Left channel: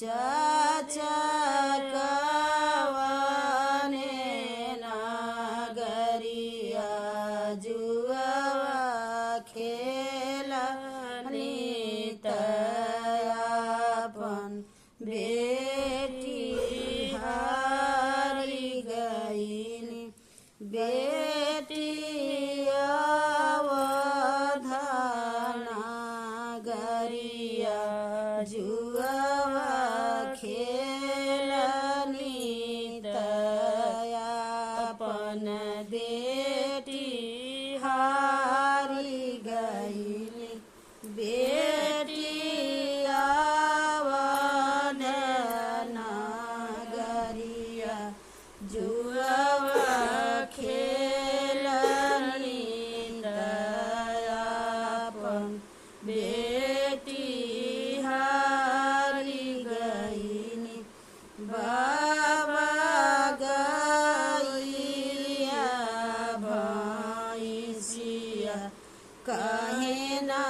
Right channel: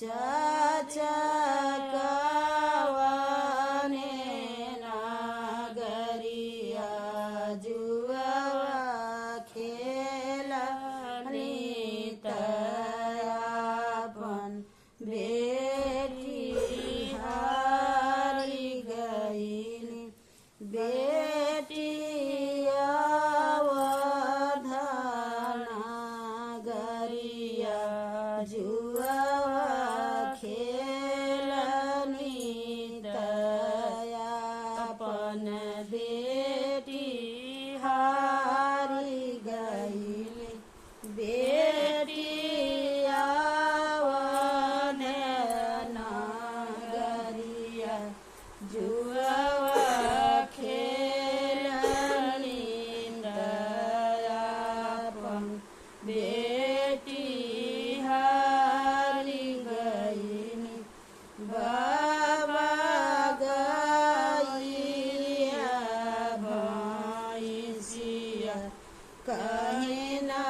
चाचा कवने नागरिया जुआवा खेलनी तयापन बेटी हारी गईनी बेटी अवधाना गरिया जुआवा खेलनी तयापन बेटी हारी गईनी बेटी अवधाना गरिया जुआवा खेलनी तयापन बेटी हारी गईनी बाबा गईया भैंसिया कहे ना